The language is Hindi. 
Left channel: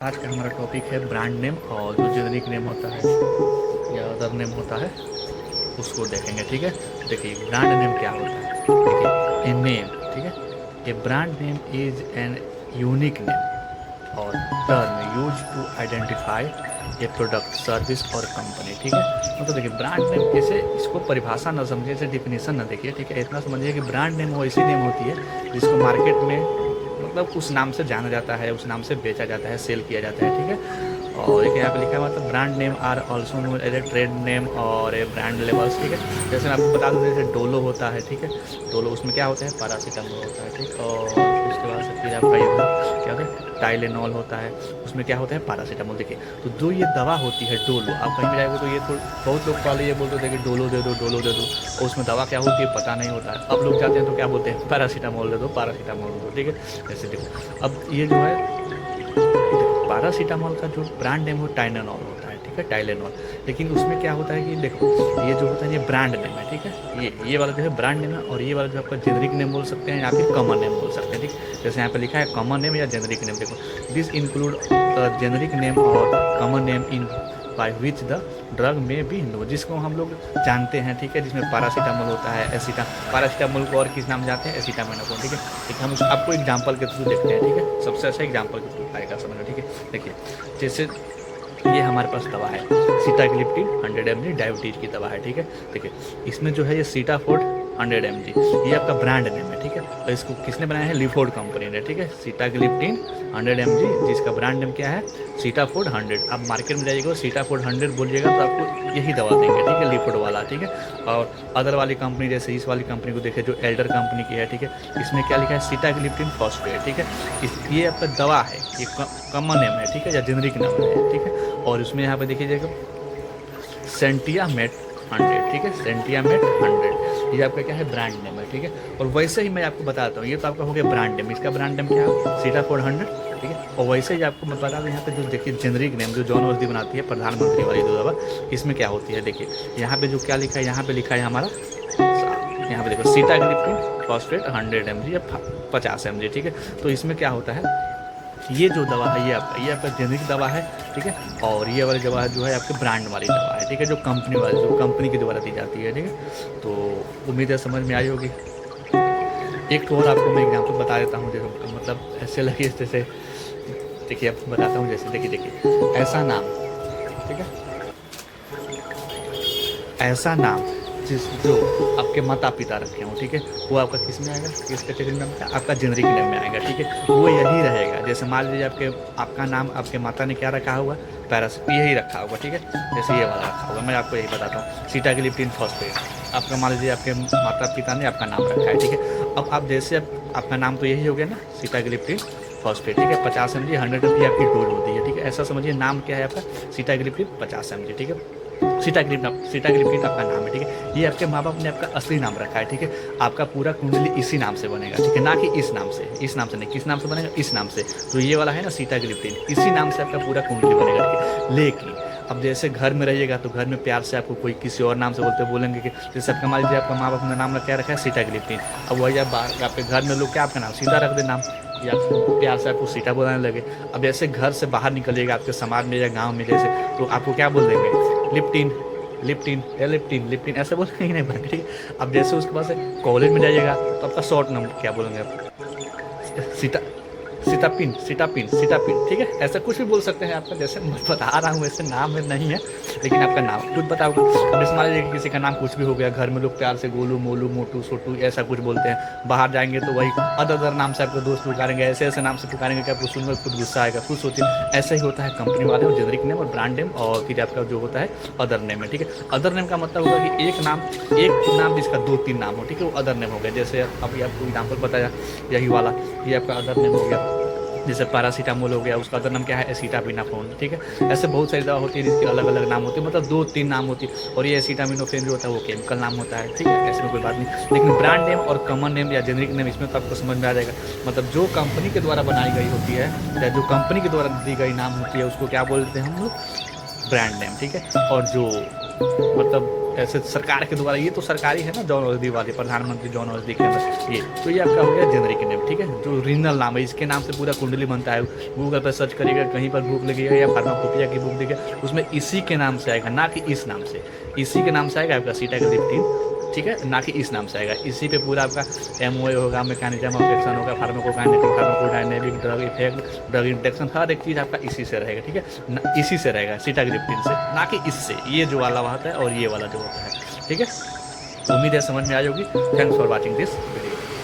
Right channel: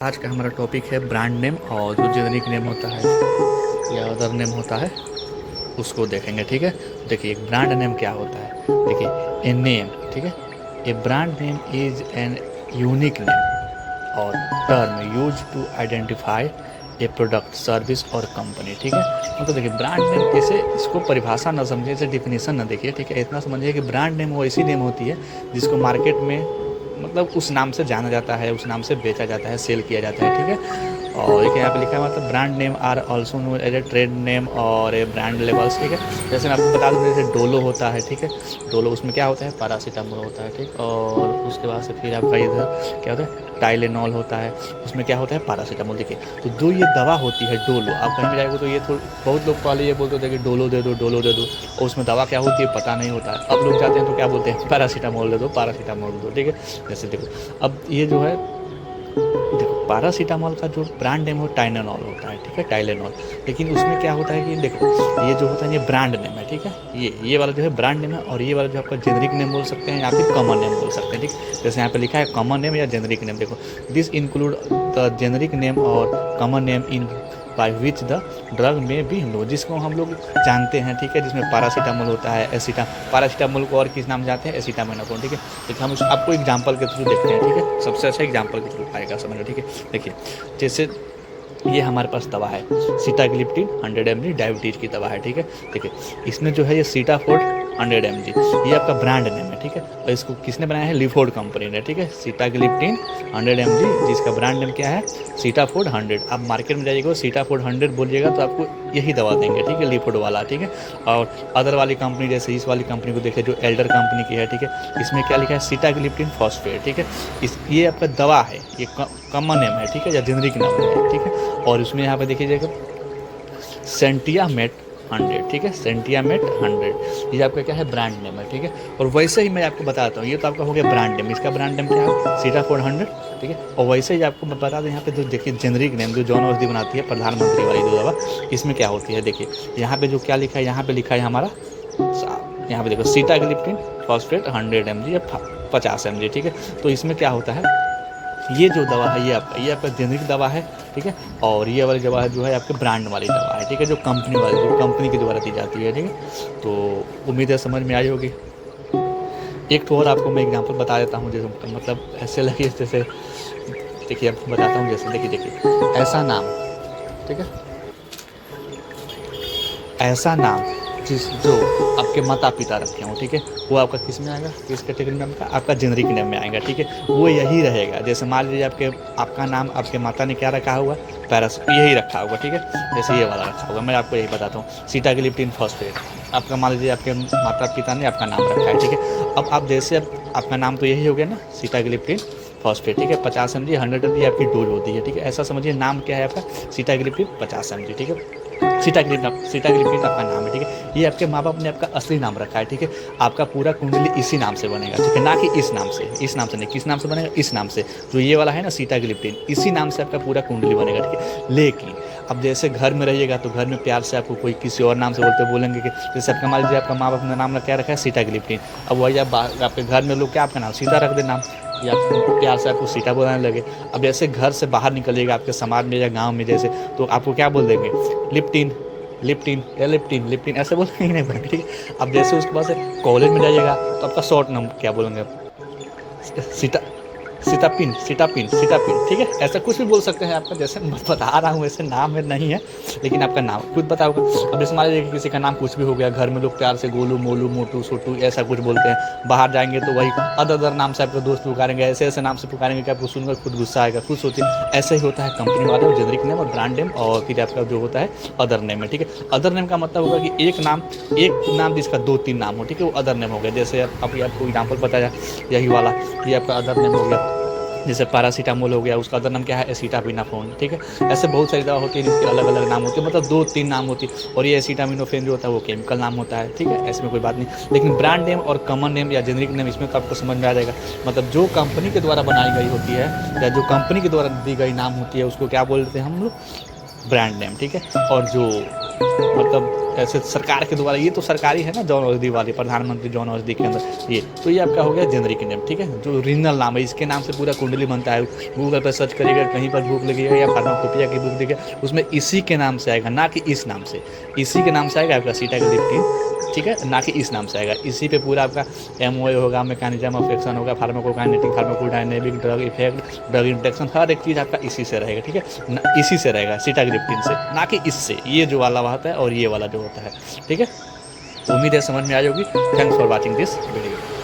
आज का हमारा टॉपिक है ब्रांड नेम और जो जेनरिक नेम होता है या अदर नेम होता है उसको देखेंगे। ठीक है, देखिए ब्रांड नेम क्या होता है। देखिए ए नेम, ठीक है, a brand name is an unique name और term use to identify a product service और कंपनी। ठीक है, मतलब देखिए ब्रांड नेम कैसे, इसको परिभाषा ना समझिए, इसे डिफिनेशन ना देखिए। ठीक है, इतना समझिए कि ब्रांड नेम वो ऐसी नेम होती है जिसको मार्केट में मतलब उस नाम से जाना जाता है, उस नाम से बेचा जाता है, सेल किया जाता है। ठीक है, और एक यहाँ पे लिखा है मतलब brand name are also know as a trade name और ए ब्रांड लेबल्स। ठीक है, जैसे मैं आपको बता दूँ जैसे डोलो होता है। ठीक है, डोलो उसमें क्या होता है, पैरासीटामोल होता है। ठीक, और उसके बाद से फिर आपका इधर क्या होता है, टाइलेनॉल होता है, उसमें क्या होता है, पैरासीटामोल। देखिए तो जो ये दवा होती है डोलो, आप कहीं जाएंगे तो ये तो बहुत लोग पहले ये बोलते थे कि डोलो दे दो, डोलो दे दो, और उसमें दवा क्या होती है पता नहीं होता है। अब लोग जाते हैं तो क्या बोलते हैं, पैरासीटामोल दे दो, पैरासीटामोल दे दो। ठीक है, जैसे देखो अब ये जो है, देखो पैरासीटामोल का जो ब्रांड नेम हो टाइलेनॉल होता है। ठीक है, टाइलेनॉल। लेकिन उसमें क्या होता है कि देखो ये जो होता है ये ब्रांड नेम है। ठीक है, ये वाला जो है ब्रांड नेम है, और ये वाला जो आपका जेनरिक नेम बोल सकते हैं या फिर कॉमन नेम बोल सकते हैं। ठीक, जैसे यहाँ पे लिखा है कॉमन नेम या जेनरिक नेम। देखो this include the generic name और common name in by which the drug में भी नो, जिसको हम लोग जानते हैं। ठीक है, जिसमें पैरासीटामोल होता है, पैरासीटामोल को और किस नाम जानते हैं, एसिटामिनोफेन। ठीक है, लेकिन हम आपको एग्जाम्पल के थ्रू देखते हैं। ठीक है, सबसे अच्छा एग्जाम्पल के थ्रू आएगा समझ। ठीक है, देखिए जैसे ये हमारे पास दवा है सीटाग्लिप्टिन 100 mg डायबिटीज की दवा है। ठीक है, देखिए इसमें जो है ये सीटाफोर्ड 100 mg, ये आपका ब्रांड नेम है। ठीक है, और इसको किसने बनाया है, लिफोर्ड कंपनी ने। ठीक है, सीटाग्लिप्टिन 100 mg जिसका ब्रांड नेम क्या है, सीटाफोर्ड 100। आप मार्केट में जाइएगा सीटाफोर्ड 100 बोलिएगा तो आपको यही दवा देंगे। ठीक है, लिफोर्ड वाला। ठीक है, और अदर वाली कंपनी जैसे इस वाली कंपनी को देखिए जो एल्डर कंपनी की है। ठीक है, इसमें क्या लिखा है, सीटाग्लिप्टिन फॉस्फेट। ठीक है, ये आपका दवा है, ये कॉमन नेम है। ठीक है, या जेनरिक नाम है। ठीक है, और इसमें यहाँ पे देखिएगा सेंटियामेट 100। ठीक है, सेंटियामेट 100 ये आपका क्या है, ब्रांड नेम है। ठीक है, और वैसे ही मैं आपको बताता हूँ, ये तो आपका हो गया ब्रांड नेम, इसका ब्रांड नेम क्या है, सीटाफोर्ड 100। ठीक है, और वैसे ही आपको मैं बता दूँ यहाँ पे देखिए जेनरिक नेम जो जॉन वर्दी बनाती है, प्रधानमंत्री वाली जो दवा, इसमें क्या होती है, देखिए यहाँ पे जो क्या लिखा है, यहाँ पे लिखा है हमारा, यहाँ पे देखो सीटाग्लिप्टिन फॉस्फेट 100 mg या 50 mg। ठीक है, तो इसमें क्या होता है, ये जो दवा है ये आपका जेनरिक दवा है। ठीक है, और ये वाली दवा जो है आपके ब्रांड वाली दवा है। ठीक है, जो कंपनी वाली, जो कंपनी के द्वारा दी जाती है। ठीक है, तो उम्मीद है समझ में आई होगी। एक तो और आपको मैं एग्जांपल बता देता हूँ, जैसे मतलब ऐसे लगे जैसे, देखिए आपको बताता हूँ जैसे, देखिए ऐसा नाम। ठीक है, ऐसा नाम जो आपके माता पिता रखे हों। ठीक है, वो आपका किस में आएगा, किस कैटेगरी में आएगा, आपका जेनरिक नेम में आएगा। ठीक है, वो यही रहेगा। जैसे मान लीजिए आपका नाम आपके माता ने क्या रखा होगा, यही रखा होगा। ठीक है, जैसे ये वाला रखा होगा, मैं आपको यही बताता हूँ, सीटाग्लिप्टिन फॉस्फेट। आपका मान लीजिए आपके माता पिता ने आपका नाम रखा है। ठीक है, अब आप जैसे आपका नाम तो यही हो गया ना, सीटाग्लिप्टिन फॉस्फेट। ठीक है, 50 mg 100 mg आपकी डोज होती है। ठीक है, ऐसा समझिए नाम क्या है आपका, सीटाग्लिप्टिन 50 mg। ठीक है, सीटाग्लिप्टिन आपका नाम है। ठीक है, ये आपके माँ बाप ने आपका असली नाम रखा है। ठीक है, आपका पूरा कुंडली इसी नाम से बनेगा। ठीक है, ना कि इस नाम से, इस नाम से नहीं, किस नाम से बनेगा, इस नाम से, जो ये वाला है ना सीटाग्लिप्टिन, इसी नाम से आपका पूरा कुंडली बनेगा। ठीक है, लेकिन अब जैसे घर में रहिएगा तो घर में प्यार से आपको कोई किसी और नाम से बोलेंगे कि जैसे आपका मान लीजिए आपका माँ बाप ने नाम क्या रखा है, सीटाग्लिप्टिन। अब वही आपके घर में लोग क्या आपका नाम सीता रख दे नाम, या प्यार से आपको सीता बुलाने लगे। अब जैसे घर से बाहर निकलिएगा आपके समाज में या गांव में जैसे, तो आपको क्या बोल देंगे, लिप्टिन, लिप्टिन या लिप्टिन, लिप्टिन ऐसे बोलेंगे नहीं भाई। ठीक है, अब जैसे उसके बाद से कॉलेज में जाइएगा तो आपका शॉर्ट नाम क्या बोलेंगे आप, सीता, सीतापिन, सीतापिन, सीतापिन। ठीक है, ऐसा कुछ भी बोल सकते हैं आपका, जैसे मैं बता रहा हूँ वैसे नाम में नहीं है, लेकिन आपका नाम खुद बताओगे। अब जैसे मान लीजिए किसी का नाम कुछ भी हो गया, घर में लोग प्यार से गोलू, मोलू, मोटू, छोटू ऐसा कुछ बोलते हैं, बाहर जाएंगे तो वही अदर नाम से आपके दोस्त पुकारेंगे, ऐसे ऐसे नाम से पुकारेंगे कि आपको सुनकर खुद गुस्सा आएगा। खुद सोचिए, ऐसे ही होता है कंपनी वाले, और जेनरिक नेम और ब्रांड नेम, और फिर आपका जो होता है अदर नेम है। ठीक है, अदर नेम का मतलब होगा कि एक नाम जिसका 2-3 नाम हो। ठीक है, वो अदर नेम हो गया। जैसे अभी आपको एग्जाम्पल बताया यही वाला, ये आपका अदर नेम हो गया। जैसे पैरासीटामोल हो गया, उसका अदर नाम क्या है, एसिटामिनोफेन। ठीक है, ऐसे बहुत सारी दवा होती है जिसके अलग अलग नाम होते हैं, मतलब 2-3 नाम होती है, और ये एसिटामिनोफेन जो होता है वो केमिकल नाम होता है। ठीक है, ऐसे में कोई बात नहीं, लेकिन ब्रांड नेम और कॉमन नेम या जेनरिक नेम इसमें तो आपको समझ में आ जाएगा, मतलब जो कंपनी के द्वारा बनाई गई होती है या जो कंपनी के द्वारा दी गई नाम होती है उसको क्या बोलते हैं हम लोग, ब्रांड नेम। ठीक है, और जो मतलब ऐसे सरकार के द्वारा, ये तो सरकारी है ना जन औषधि वाले, प्रधानमंत्री जन औषधि केंद्र, ये तो ये आपका हो गया जेनरिक नेम, ठीक है। जो ओरिजिनल नाम है, इसके नाम से पूरा कुंडली बनता है। गूगल पर सर्च करिएगा, कहीं पर बुक लगिएगा या फार्माकोपिया की बुक देखिएगा, उसमें इसी के नाम से आएगा, ना कि इस नाम से। इसी के नाम से आएगा आपका सीटाग्लिप्टिन, ठीक है, ना कि इस नाम से आएगा। इसी पे पूरा आपका एमओए होगा, मैकेनिज्म ऑफ एक्शन होगा, pharmacokinetic, pharmacodynamic, drug effect, drug interaction, हर एक चीज़ आपका इसी से रहेगा, ठीक है। इसी से रहेगा, सीटाग्लिप्टिन से, ना कि इससे। ये जो वाला होता है और ये वाला जो होता है, ठीक है। उम्मीद है समझ में आई होगी। Thanks for watching this video.